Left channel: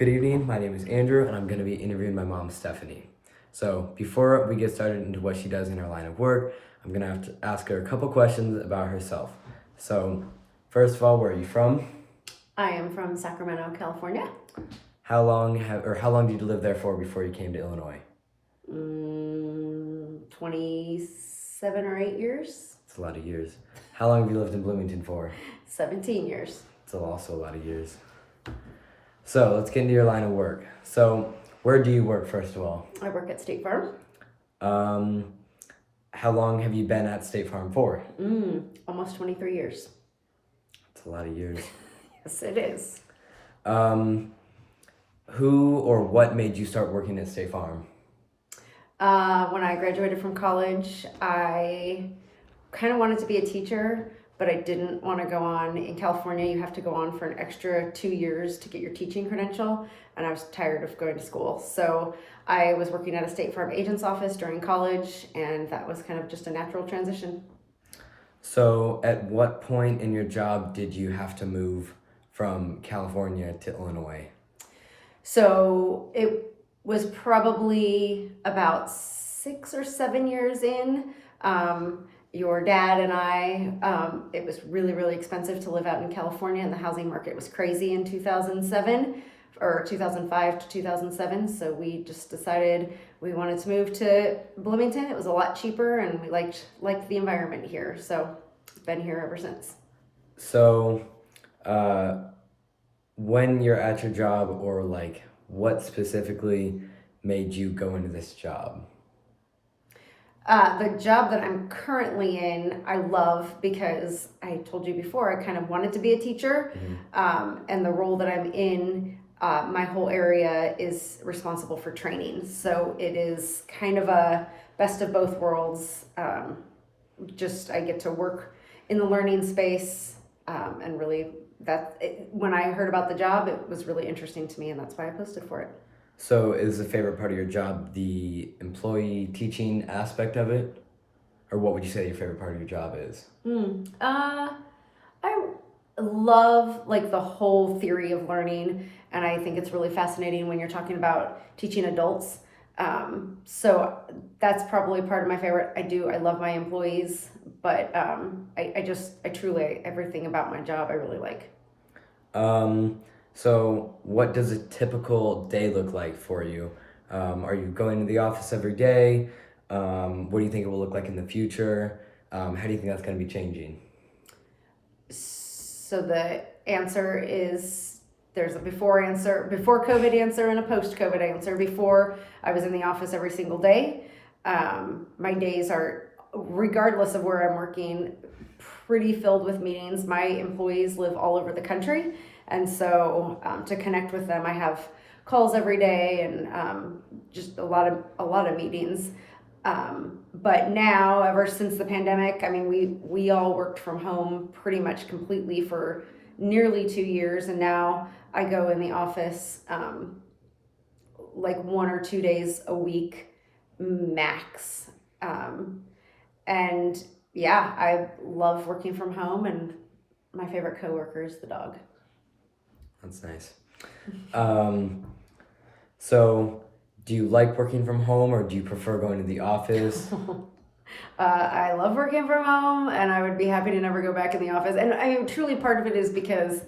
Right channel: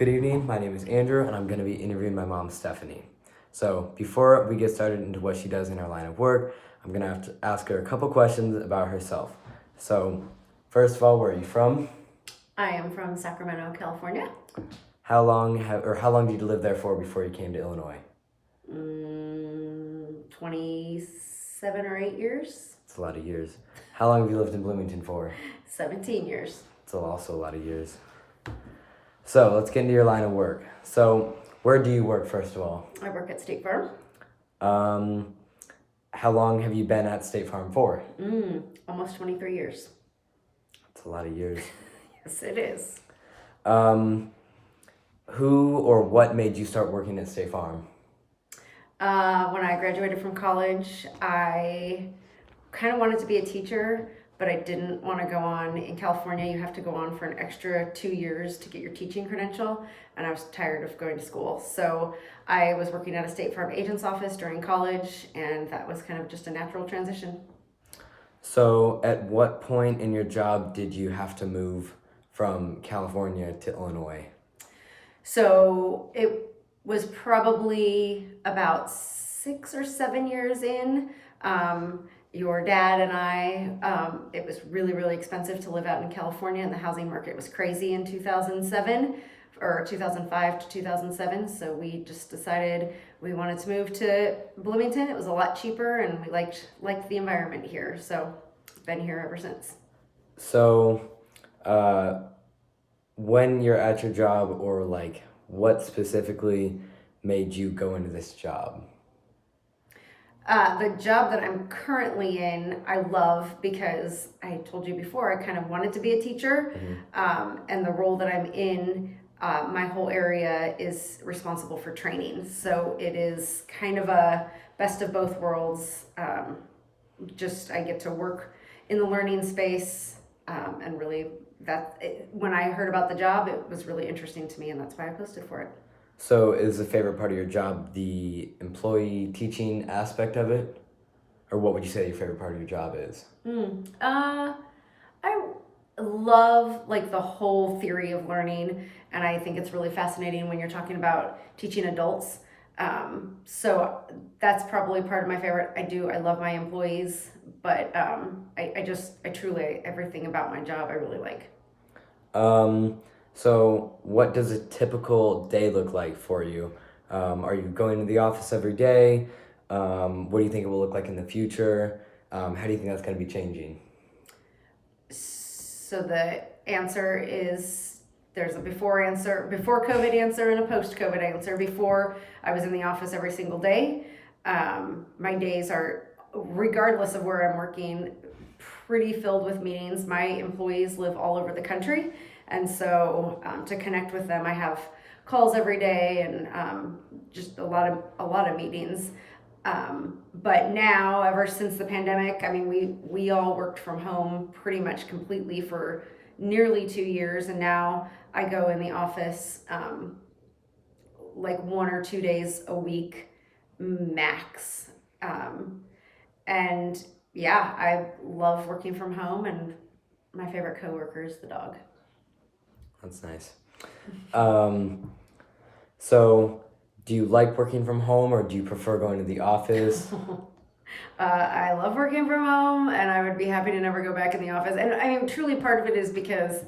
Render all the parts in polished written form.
Good evening, my name is Andrew, and I'm going to be interviewing my mom, Stephanie. So, before we get started into what she does in her line of work, I'm going to have to ask her a couple questions about herself. So, first of all, where are you from? I am from Sacramento, California. How long did you live there for before you came to Illinois? 27 or 8 years. It's a lot of years. How long have you lived in Bloomington for? 17 years. It's also a lot of years. So, let's get into your line of work. So, where do you work, first of all? I work at State Farm. How long have you been at State Farm for? Almost 23 years. That's a lot of years. Yes, it is. Who or what made you start working at State Farm? When I graduated from college, I kind of wanted to be a teacher, but I didn't want to go on. In California, you have to go on for an extra 2 years to get your teaching credential, and I was tired of going to school. So I was working at a State Farm agent's office during college, and that was kind of just a natural transition. So at what point in your job did you have to move from California to Illinois? So it was probably about 6 or 7 years in. Your dad and I, it was really, really expensive to live out in California, and the housing market was crazy in 2007 or 2005 to 2007. So we just decided we wanted to move to Bloomington. It was a lot cheaper, and we liked the environment here. So been here ever since. So when you're at your job, or what specifically made you go into this job? The job that I'm currently in, I love because I told you before, I kind of wanted to be a teacher. And the role that I'm in, my whole area is responsible for training. So it is kind of a best of both worlds. I get to work in the learning space, and really when I heard about the job, it was really interesting to me, and that's why I posted for it. So is the favorite part of your job the employee teaching aspect of it? Or what would you say your favorite part of your job is? I love the whole theory of learning, and I think it's really fascinating when you're talking about teaching adults. So that's probably part of my favorite. I love my employees, but I truly, everything about my job I really like. So what does a typical day look like for you? Are you going to the office every day? What do you think it will look like in the future? How do you think that's going to be changing? So the answer is there's a before COVID answer and a post COVID answer. Before, I was in the office every single day. My days are, regardless of where I'm working, pretty filled with meetings. My employees live all over the country. And so to connect with them, I have calls every day and just a lot of meetings. But now, ever since the pandemic, I mean, we all worked from home pretty much completely for nearly 2 years. And now I go in the office 1 or 2 days a week max. And yeah, I love working from home, and my favorite coworker is the dog. That's nice. So do you like working from home, or do you prefer going to the office? I love working from home, and I would be happy to never go back in the office. And I mean, truly part of it is because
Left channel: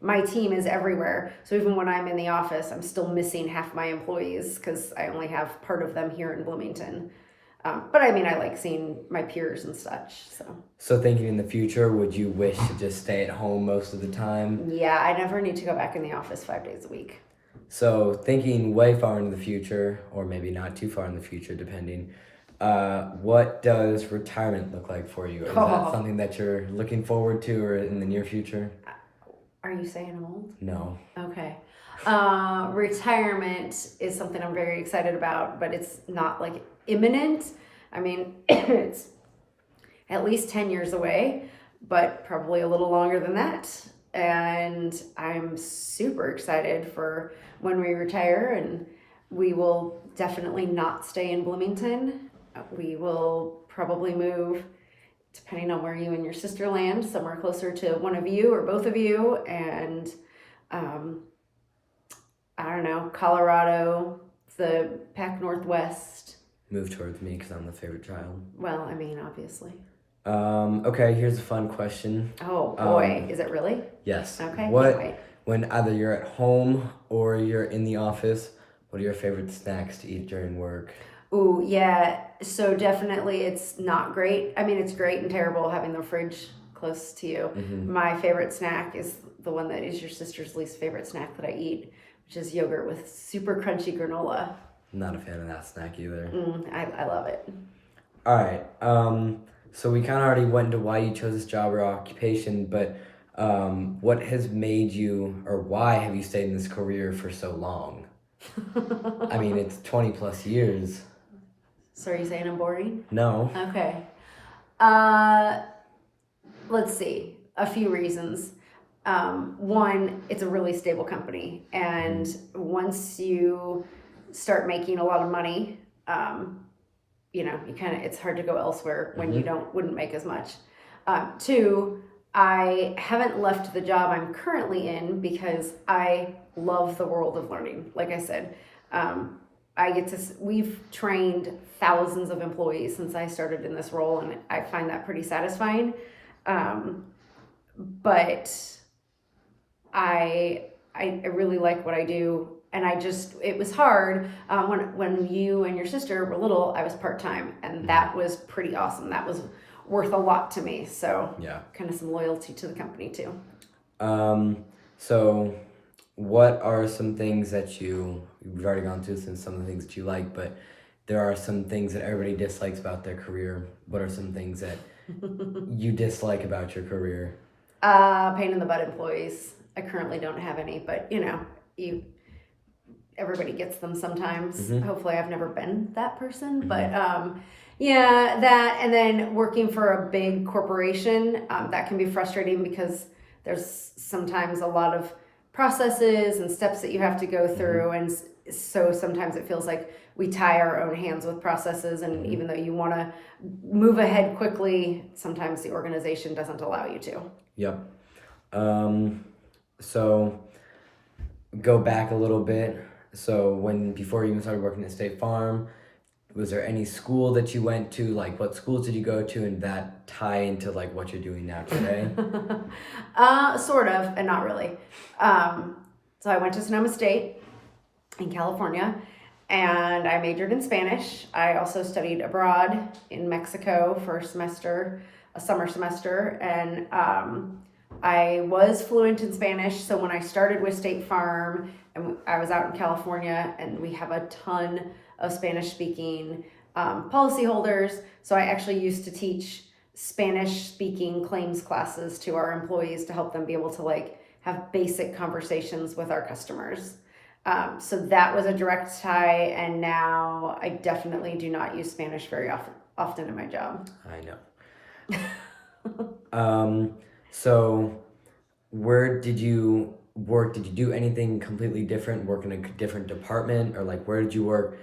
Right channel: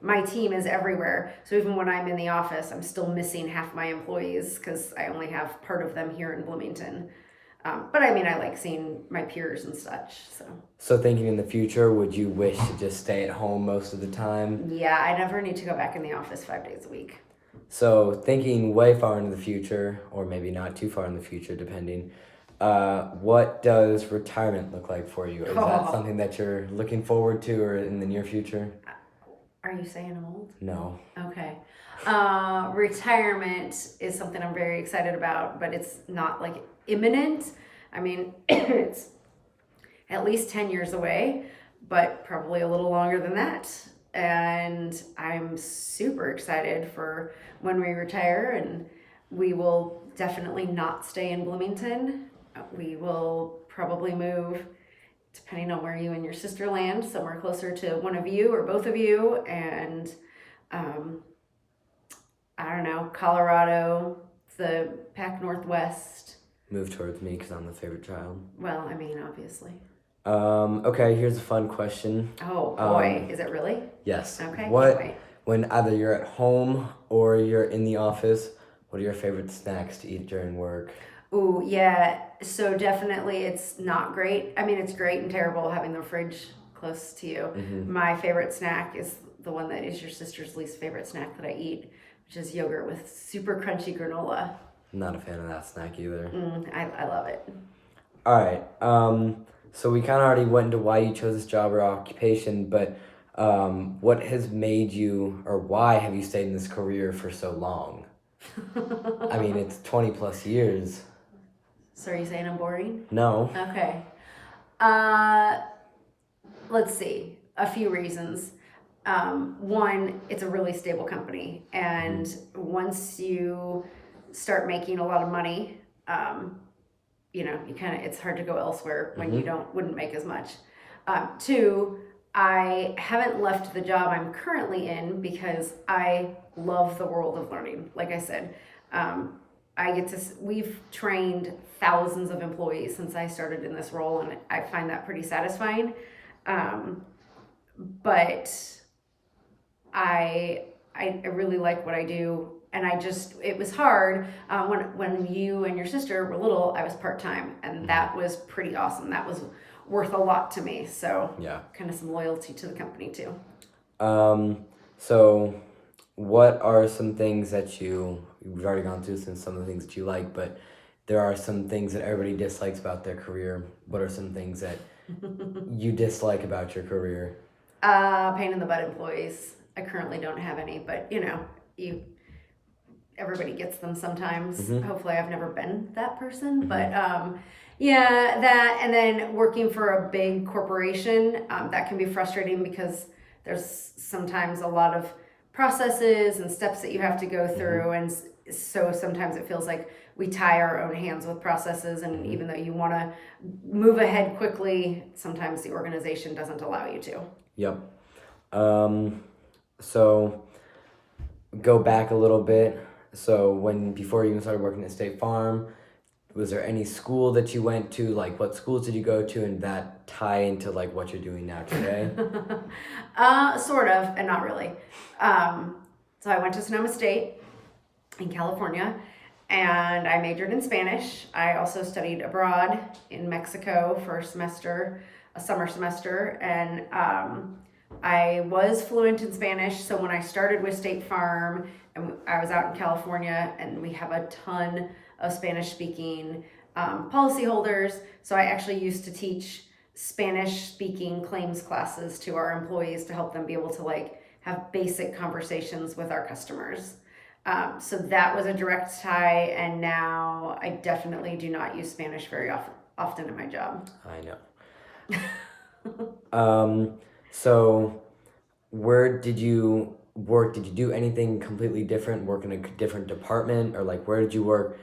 my team is everywhere. So even when I'm in the office, I'm still missing half my employees because I only have part of them here in Bloomington. But I mean, I like seeing my peers and such. So thinking in the future, would you wish to just stay at home most of the time? Yeah, I never need to go back in the office 5 days a week. So thinking way far into the future, or maybe not too far in the future, depending, what does retirement look like for you? Is that something that you're looking forward to, or in the near future? Are you saying I'm old? No. Okay. Retirement is something I'm very excited about, but it's not imminent. I mean, it's at least 10 years away, but probably a little longer than that. And I'm super excited for when we retire, and we will definitely not stay in Bloomington. We will probably move, depending on where you and your sister land, somewhere closer to one of you or both of you. And I don't know, Colorado, the Pac Northwest. Move towards me because I'm the favorite child. Well, I mean, obviously. Okay, here's a fun question. Oh boy, is it really? Yes. Okay. What, Wait. when either you're at home or you're in the office, what are your favorite snacks to eat during work? Ooh, yeah. So definitely, it's not great. I mean, it's great and terrible having the fridge close to you. Mm-hmm. My favorite snack is the one that is your sister's least favorite snack that I eat, which is yogurt with super crunchy granola. Not a fan of that snack either. I love it. All right. So we kind of already went into why you chose this job or occupation, but what has made you, or why have you stayed in this career for so long? I mean, it's 20 plus years. So are you saying I'm boring? No. Okay. Let's see. A few reasons. One, it's a really stable company, and once you start making a lot of money, you know, it's hard to go elsewhere when you wouldn't make as much. Two, I haven't left the job I'm currently in because I love the world of learning. Like I said, we've trained thousands of employees since I started in this role, and I find that pretty satisfying. But I really like what I do, and it was hard. When you and your sister were little, I was part-time, and that was pretty awesome. That was worth a lot to me. So Yeah. kind of some loyalty to the company too. So what are some things that you've already gone through since some of the things that you like, but there are some things that everybody dislikes about their career. What are some things that you dislike about your career? Pain in the butt employees. I currently don't have any, but you know, everybody gets them sometimes. Hopefully I've never been that person, but yeah, that, and then working for a big corporation, that can be frustrating because there's sometimes a lot of processes and steps that you have to go through, and so sometimes it feels like we tie our own hands with processes, and even though you want to move ahead quickly, sometimes the organization doesn't allow you to. Yep. So go back a little bit. So before you even started working at State Farm, was there any school that you went to? Like, what schools did you go to, and that tie into like what you're doing now today? Sort of, and not really. So I went to Sonoma State in California, and I majored in Spanish. I also studied abroad in Mexico for a summer semester, and I was fluent in Spanish. So when I started with State Farm, and I was out in California, and we have a ton of Spanish-speaking policyholders. So I actually used to teach Spanish-speaking claims classes to our employees to help them be able to like have basic conversations with our customers. So that was a direct tie, and now I definitely do not use Spanish very often in my job. I know. So where did you work? Did you do anything completely different, work in a different department, or like where did you work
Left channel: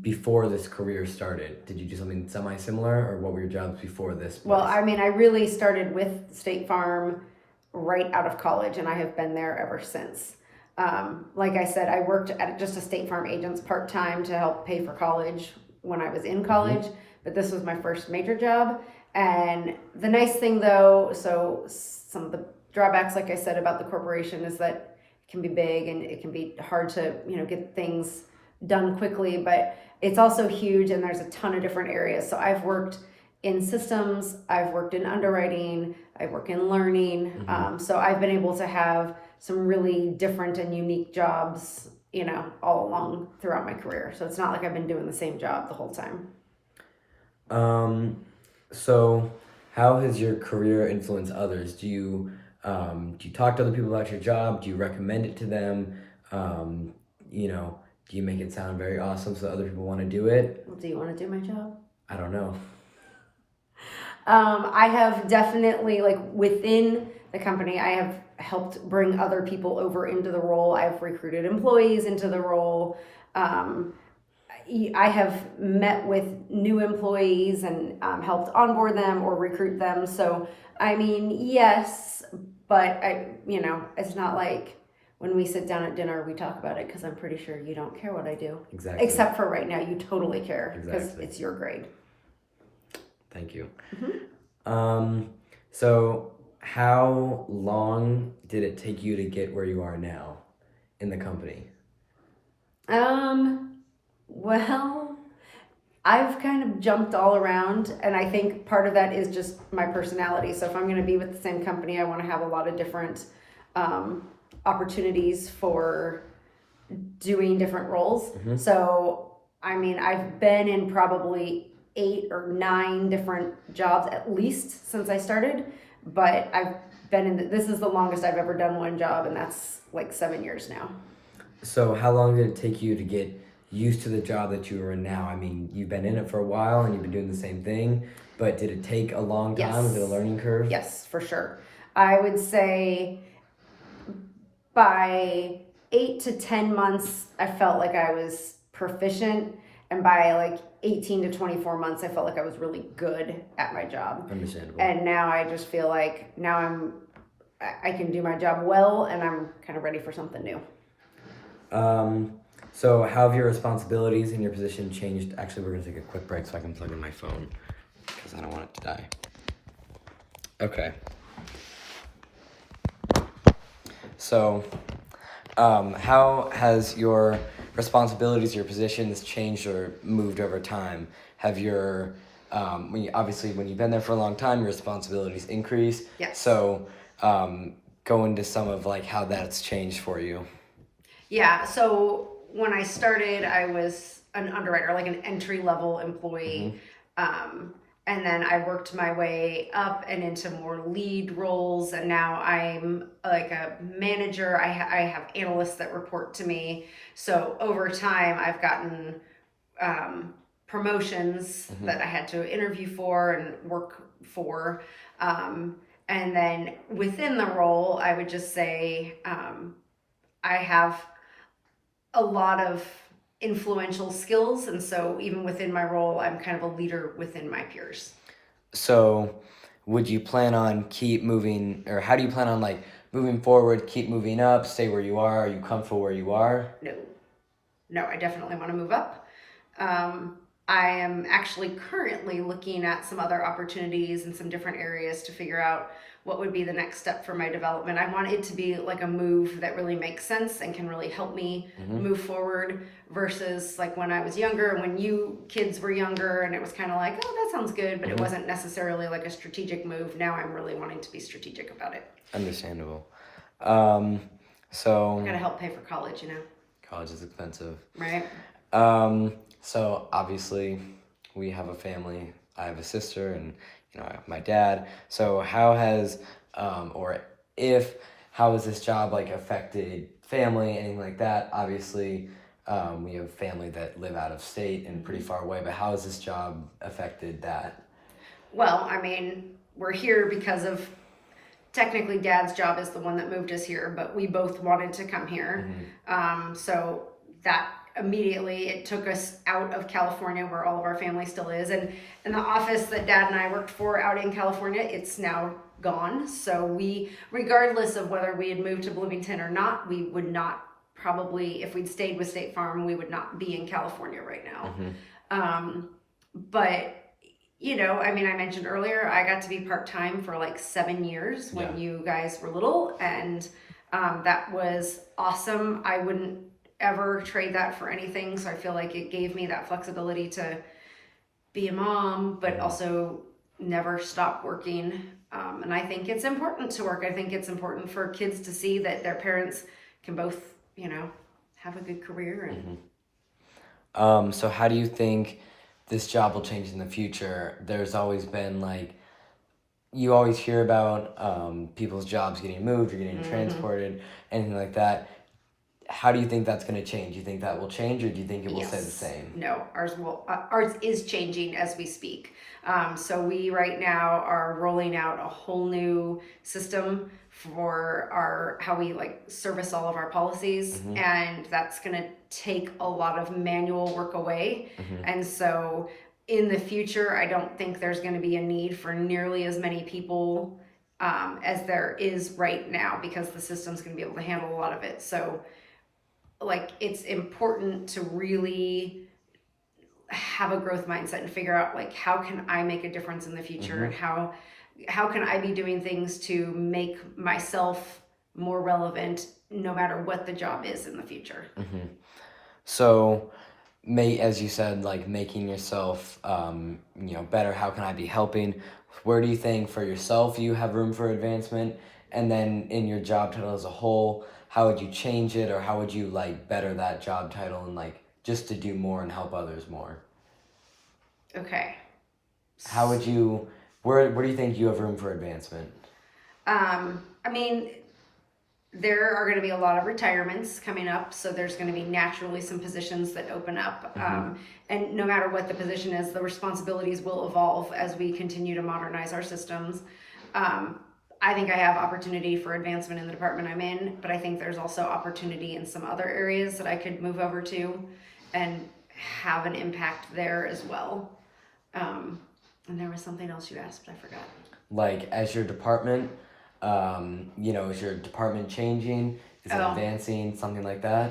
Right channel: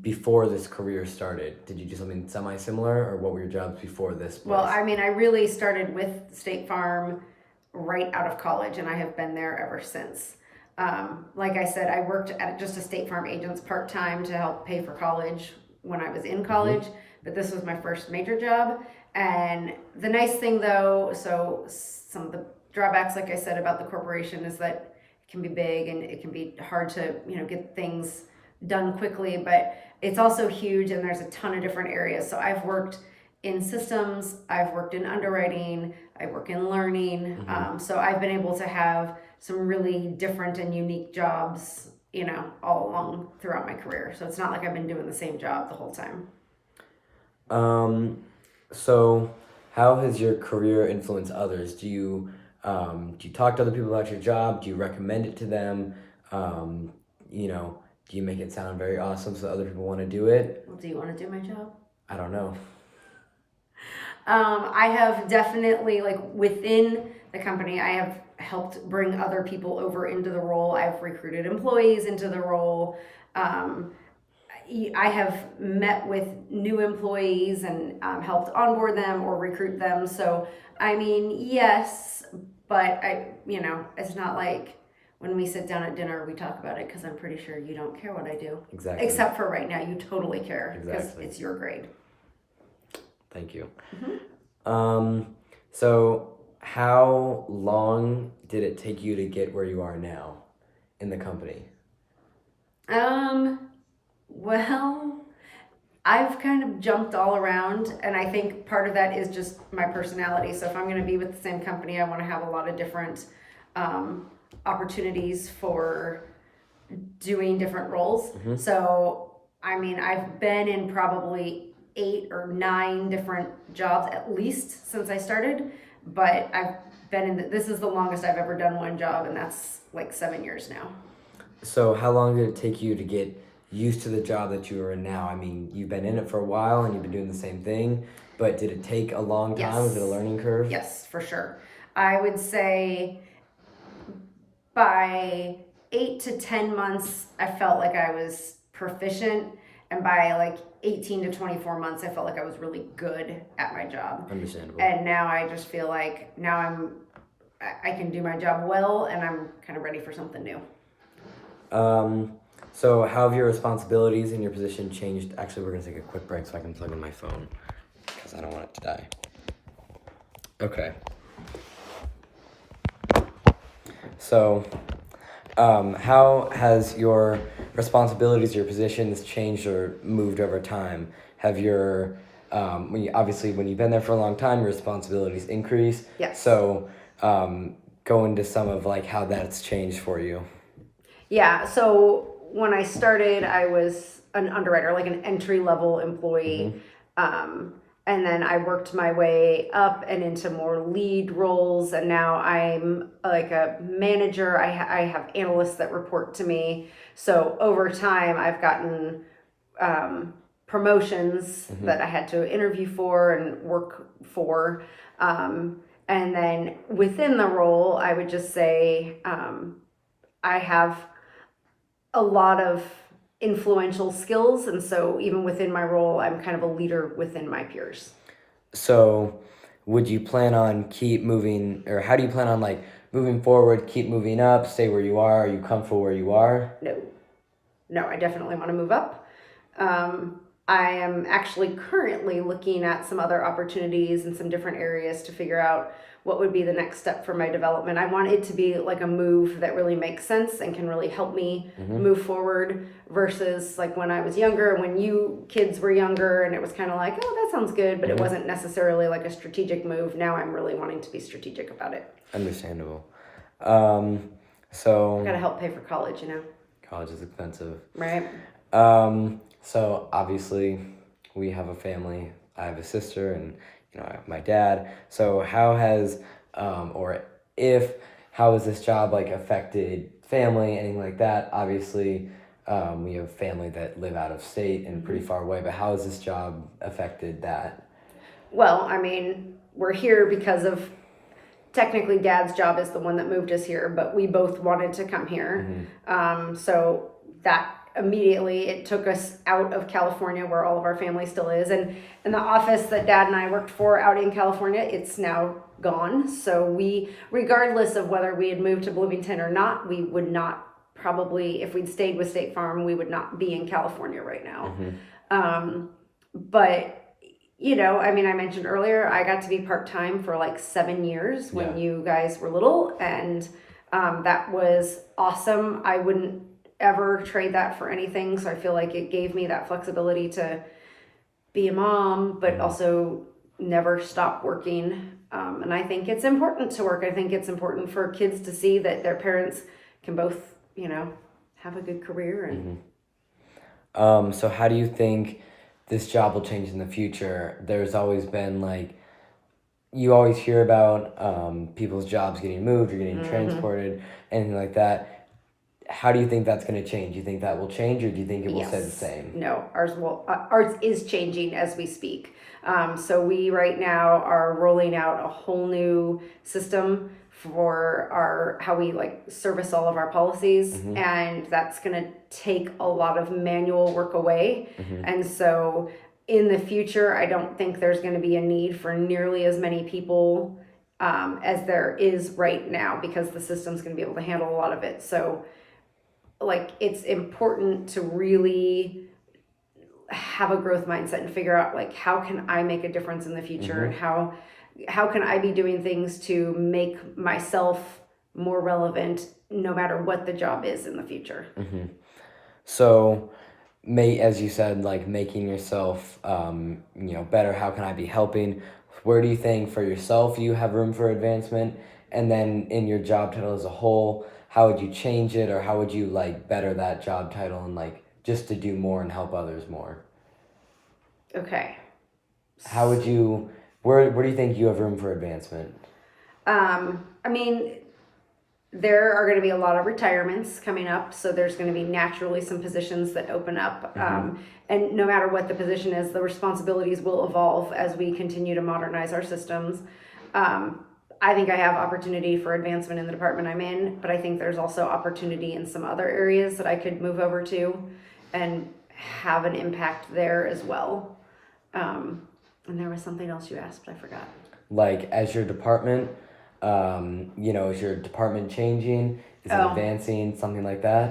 before this career started? Did you do something semi-similar, or what were your jobs before this place? Well, I mean, I really started with State Farm right out of college, and I have been there ever since. Like I said, I worked at just a State Farm agent's part-time to help pay for college when I was in college, but this was my first major job. And the nice thing though, so some of the drawbacks, like I said, about the corporation is that it can be big and it can be hard to, get things done quickly, but it's also huge and there's a ton of different areas. So I've worked in systems, I've worked in underwriting, I work in learning. So I've been able to have some really different and unique jobs, all along throughout my career. So it's not like I've been doing the same job the whole time. So how has your career influenced others? Do you talk to other people about your job? Do you recommend it to them? Do you make it sound very awesome so other people want to do it? Well, do you want to do my job? I don't know. I have definitely, within the company, I have helped bring other people over into the role. I've recruited employees into the role. I have met with new employees and helped onboard them or recruit them. So, I mean, yes, but it's not like when we sit down at dinner, we talk about it because I'm pretty sure you don't care what I do. Exactly. Except for right now, you totally care because Exactly. it's your grade. Thank you. Mm-hmm. So how long did it take you to get where you are now in the company? Well, I've kind of jumped all around, and I think part of that is just my personality. So if I'm going to be with the same company, I want to have a lot of different opportunities for doing different roles. So, I mean, I've been in probably 8 or 9 different jobs at least since I started, but I've been in, this is the longest I've ever done one job, and that's like 7 years now. So how long did it take you to get used to the job that you are in now? I mean, you've been in it for a while and you've been doing the same thing, but did it take a long time? Yes. Was it a learning curve? Yes, for sure. I would say by 8 to 10 months, I felt like I was proficient, and by like 18 to 24 months, I felt like I was really good at my job. Understandable. And now I just feel like now I can do my job well, and I'm kind of ready for something new. So how have your responsibilities in your position changed? Actually, we're gonna take a quick break so I can plug in my phone because I don't want it to die. Okay. So, how has your responsibilities, your positions changed or moved over time? Have your, obviously when you've been there for a long time, your responsibilities increase. Yes. So, go into some of like how that's changed for you. Yeah, so when I started, I was an underwriter, like an entry-level employee. And then I worked my way up and into more lead roles, and now I'm like a manager. I have analysts that report to me. So over time, I've gotten promotions that I had to interview for and work for. And then within the role, I would just say I have a lot of influential skills, and so even within my role, I'm kind of a leader within my peers. So would you plan on keep moving, or how do you plan on like moving forward, keep moving up, stay where you are? Are you comfortable where you are? No, I definitely want to move up. I am actually currently looking at some other opportunities in some different areas to figure out what would be the next step for my development. I want it to be like a move that really makes sense and can really help me move forward, versus like when I was younger, when you kids were younger, and it was kind of like, oh, that sounds good, but it wasn't necessarily like a strategic move. Now I'm really wanting to be strategic about it. Understandable. So Gotta help pay for college, you know. College is expensive. Right. So obviously we have a family. I have a sister and I have my dad. So how has how has this job like affected family, anything like that? Obviously, we have family that live out of state and pretty far away, but how has this job affected that? Well, I mean, we're here because of, technically Dad's job is the one that moved us here, but we both wanted to come here. So that immediately it took us out of California, where all of our family still is, and the office that Dad and I worked for out in California, it's now gone. So we, regardless of whether we had moved to Bloomington or not, we would not probably, if we'd stayed with State Farm, we would not be in California right now. But I mean, I mentioned earlier, I got to be part-time for like 7 years when you guys were little, and that was awesome. I wouldn't ever trade that for anything. So I feel like it gave me that flexibility to be a mom, but also never stop working. And I think it's important to work. I think it's important for kids to see that their parents can both, have a good career. And So how do you think this job will change in the future? There's always been like, you always hear about people's jobs getting moved or getting transported, anything like that. How do you think that's going to change? Do you think that will change, or do you think it will stay the same? No, ours is changing as we speak. So we right now are rolling out a whole new system for how we like service all of our policies, and that's going to take a lot of manual work away. And so in the future, I don't think there's going to be a need for nearly as many people as there is right now, because the system's going to be able to handle a lot of it. So, like, it's important to really have a growth mindset and figure out, like, how can I make a difference in the future, and how can I be doing things to make myself more relevant, no matter what the job is in the future. So, as you said, like making yourself, better. How can I be helping? Where do you think for yourself you have room for advancement? And then in your job title as a whole, how would you change it, or how would you like better that job title and like just to do more and help others more? Okay. How would you? Where do you think you have room for advancement? I mean, there are going to be a lot of retirements coming up, so there's going to be naturally some positions that open up. And no matter what the position is, the responsibilities will evolve as we continue to modernize our systems. I think I have opportunity for advancement in the department I'm in, but I think there's also opportunity in some other areas that I could move over to and have an impact there as well. And there was something else you asked, but I forgot. Like as your department, is your department changing? Is it advancing? Something like that?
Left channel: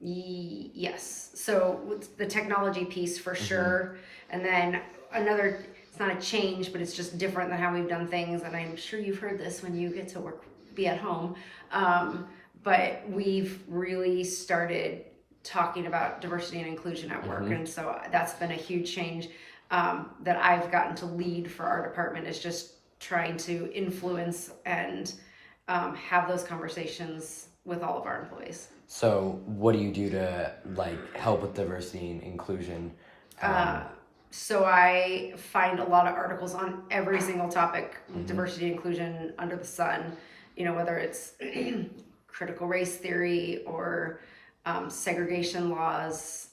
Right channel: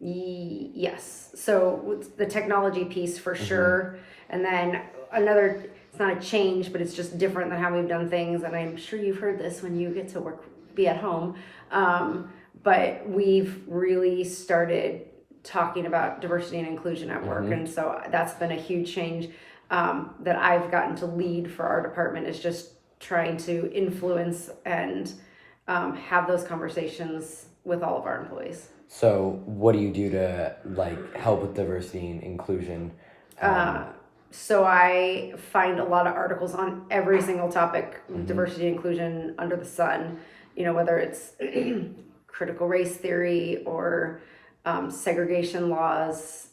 Yes. So with the technology piece for sure. And then another, it's not a change, but it's just different than how we've done things. And I'm sure you've heard this when you get to be at home. But we've really started talking about diversity and inclusion at work. And so that's been a huge change that I've gotten to lead for our department, is just trying to influence and have those conversations with all of our employees. So what do you do to like help with diversity and inclusion? So I find a lot of articles on every single topic, diversity and inclusion under the sun, whether it's critical race theory or segregation laws,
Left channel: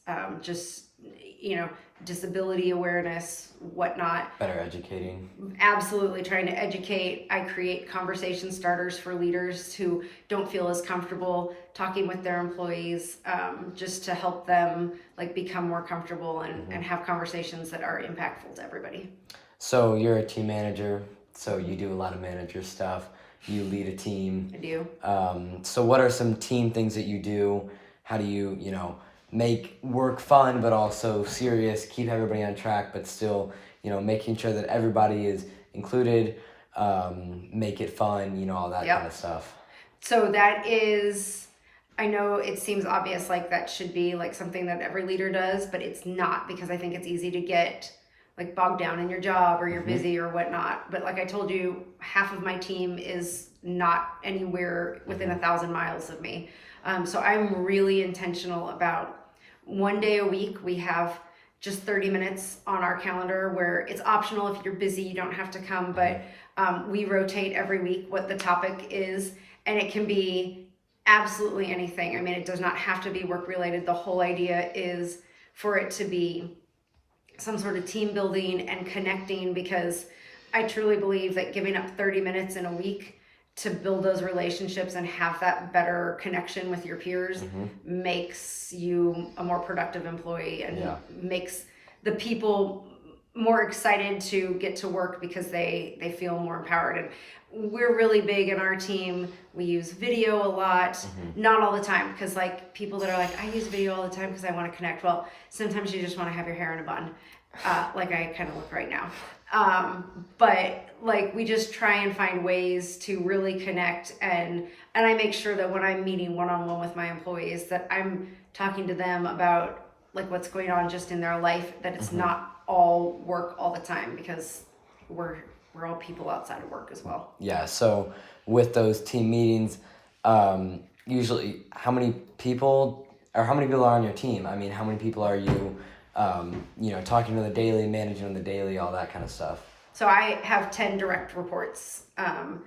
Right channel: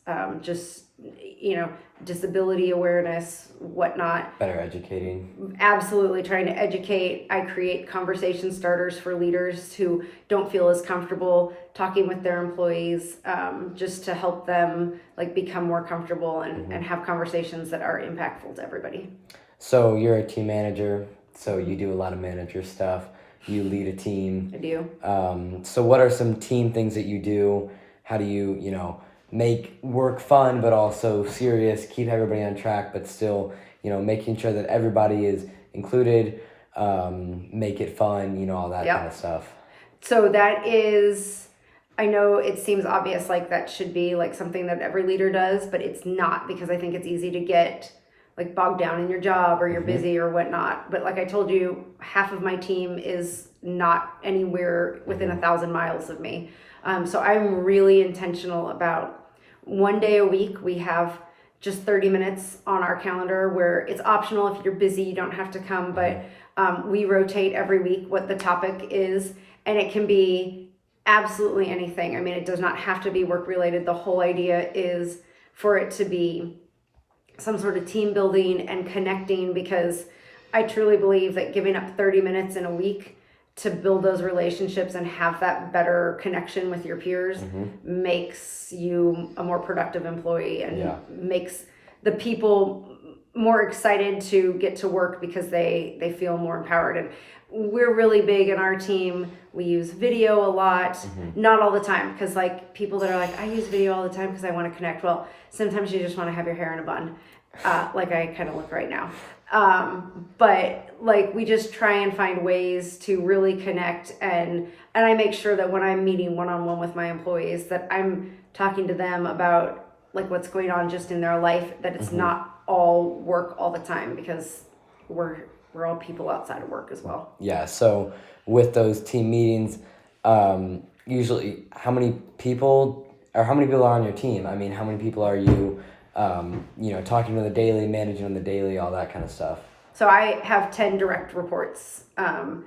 disability awareness, whatnot. Better educating. Absolutely trying to educate. I create conversation starters for leaders who don't feel as comfortable talking with their employees, just to help them like become more comfortable and have conversations that are impactful to everybody. So you're a team manager, so you do a lot of manager stuff. You lead a team. I do. So what are some team things that you do? How do you, make work fun, but also serious, keep everybody on track, but still, making sure that everybody is included, make it fun, all that kind of stuff. So that is, I know it seems obvious, like that should be like something that every leader does, but it's not, because I think it's easy to get like bogged down in your job, or you're busy or whatnot. But like I told you, half of my team is not anywhere within 1,000 miles of me. So I'm really intentional about one day a week, we have just 30 minutes on our calendar where it's optional. If you're busy, you don't have to come, but we rotate every week what the topic is, and it can be absolutely anything. I mean, it does not have to be work related. The whole idea is for it to be some sort of team building and connecting, because I truly believe that giving up 30 minutes in a week to build those relationships and have that better connection with your peers makes you a more productive employee, and makes the people more excited to get to work because they feel more empowered. And we're really big in our team. We use video a lot, not all the time, because like people that are like, I use video all the time because I want to connect. Well, sometimes you just want to have your hair in a bun, like I kind of look right now. But like we just try and find ways to really connect, and I make sure that when I'm meeting one-on-one with my employees, that I'm talking to them about like what's going on just in their life, that it's not all work all the time, because we're all people outside of work as well. Yeah. So with those team meetings, usually how many people are on your team? I mean, how many people are you, talking to the daily, managing on the daily, all that kind of stuff? So I have 10 direct reports, and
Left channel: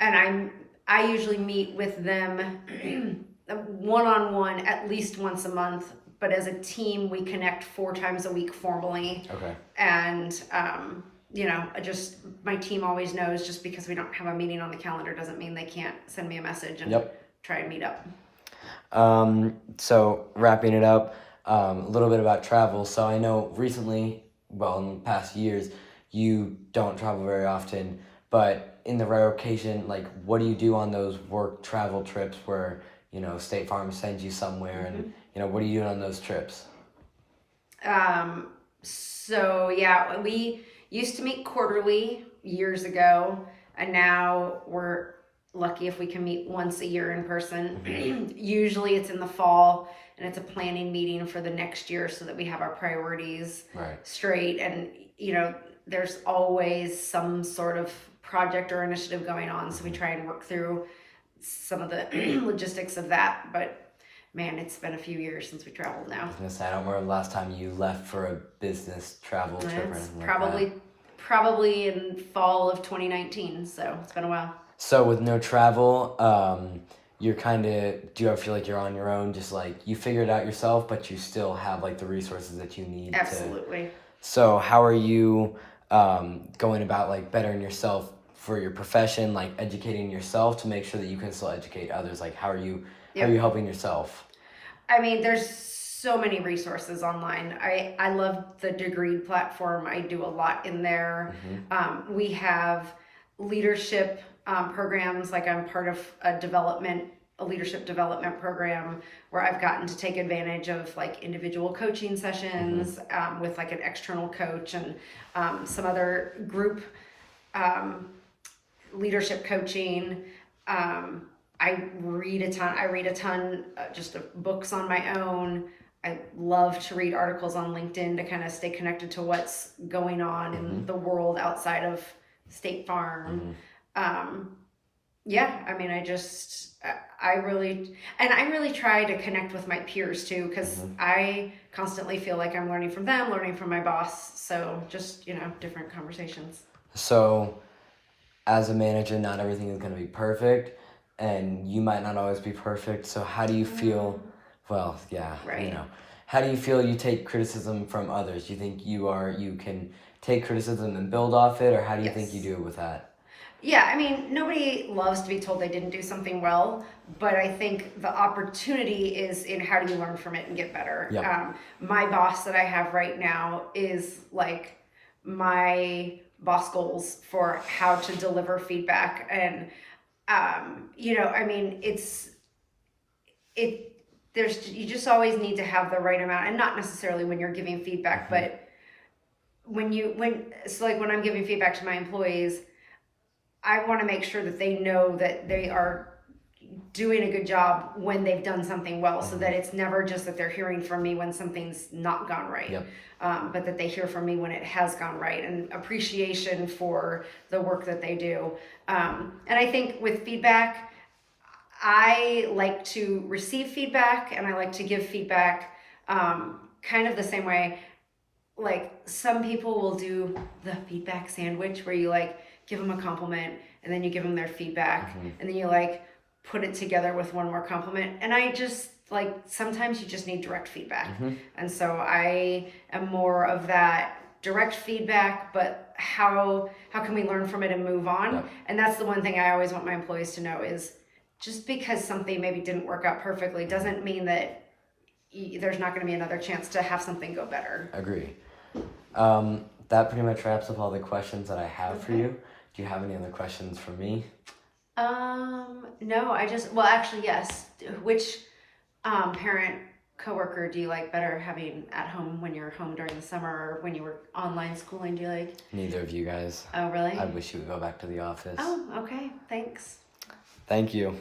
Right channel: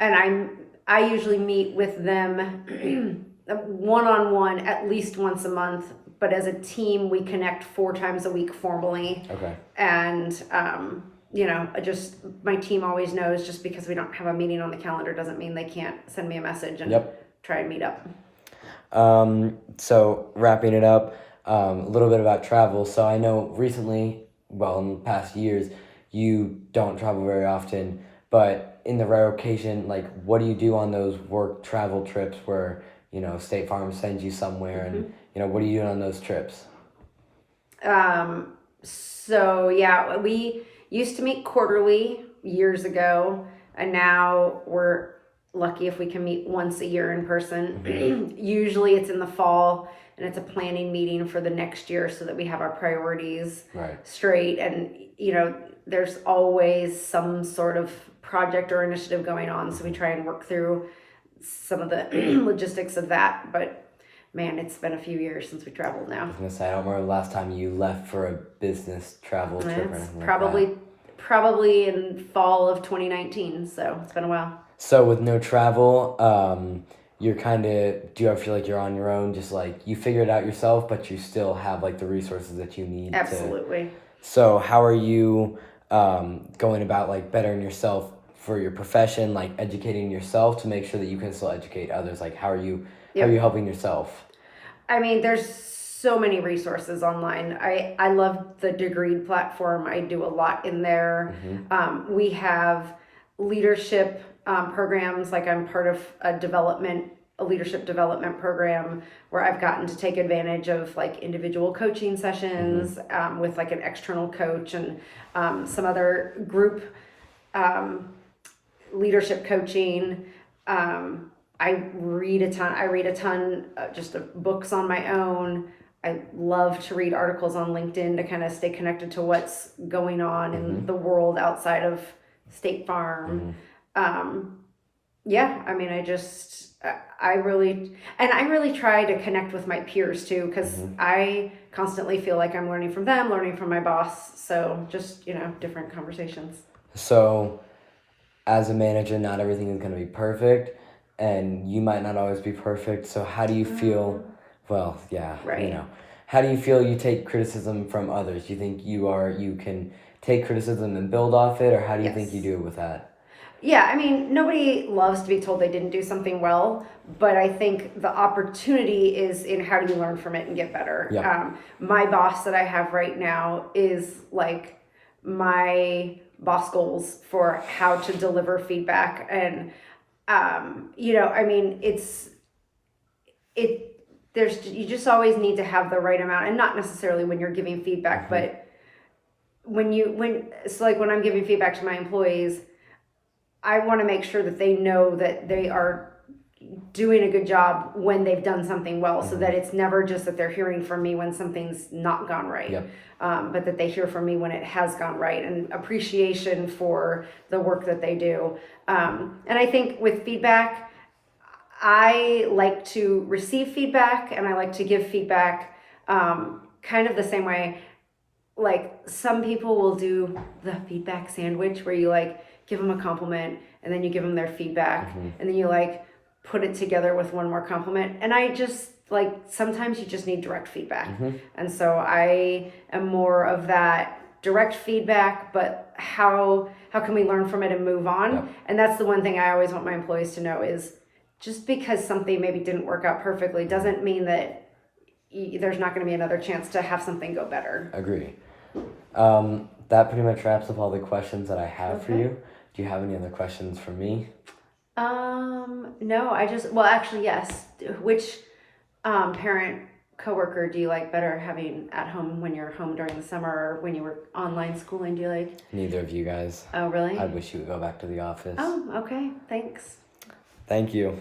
I usually meet with them one-on-one at least once a month, but as a team we connect 4 times a week formally. Okay. And just my team always knows, just because we don't have a meeting on the calendar doesn't mean they can't send me a message and try and meet up. So wrapping it up, a little bit about travel. So I know recently, in the past years, you don't travel very often, But in the rare occasion, like, what do you do on those work travel trips where, State Farm sends you somewhere and, what are you doing on those trips? So yeah, we used to meet quarterly years ago, and now we're lucky if we can meet once a year in person. Usually it's in the fall, and it's a planning meeting for the next year so that we have our priorities Right. straight. And there's always some sort of project or initiative going on, so we try and work through some of the logistics of that. But man, it's been a few years since we traveled now. I was gonna say, I don't remember the last time you left for a business travel trip or It's anything probably in fall of 2019, so it's been a while. So with no travel, you're do you ever feel like you're on your own, just like you figure it out yourself, but you still have like the resources that you need Absolutely. So how are you going about like bettering yourself for your profession, like educating yourself to make sure that you can still educate others? Like how are you helping yourself? I mean, there's so many resources online. I love the Degreed platform. I do a lot in there. We have leadership programs, like I'm part of a leadership development program where I've gotten to take advantage of like individual coaching sessions with like an external coach and some other group leadership coaching. I read a ton just of books on my own. I love to read articles on LinkedIn to kind of stay connected to what's going on in the world outside of State Farm. Yeah, I mean, I really try to connect with my peers too, because I constantly feel like I'm learning from them, learning from my boss. So just, different conversations. So as a manager, not everything is going to be perfect, and you might not always be perfect. So how do you feel? Well, yeah, Right. How do you feel you take criticism from others? Do you think you can take criticism and build off it, or how do you think you do it with that? Yeah, I mean, nobody loves to be told they didn't do something well, but I think the opportunity is in how do you learn from it and get better. Yep. My boss that I have right now is like my boss goals for how to deliver feedback. And, I mean, you just always need to have the right amount, and not necessarily when you're giving feedback, but so like when I'm giving feedback to my employees, I want to make sure that they know that they are doing a good job when they've done something well, so that it's never just that they're hearing from me when something's not gone right, Yep. But that they hear from me when it has gone right, and appreciation for the work that they do. And I think with feedback, I like to receive feedback and I like to give feedback kind of the same way. Like some people will do the feedback sandwich where you like give them a compliment and then you give them their feedback and then you like put it together with one more compliment. And I just like, sometimes you just need direct feedback. And so I am more of that direct feedback, but how can we learn from it and move on? Yep. And that's the one thing I always want my employees to know is just because something maybe didn't work out perfectly doesn't mean that there's not going to be another chance to have something go better. Agree. That pretty much wraps up all the questions that I have for you. Do you have any other questions for me? No, actually, yes. Which parent coworker do you like better having at home when you're home during the summer, or when you were online schooling? Do you like? Neither of you guys. Oh, really? I wish you would go back to the office. Oh, okay. Thanks. Thank you.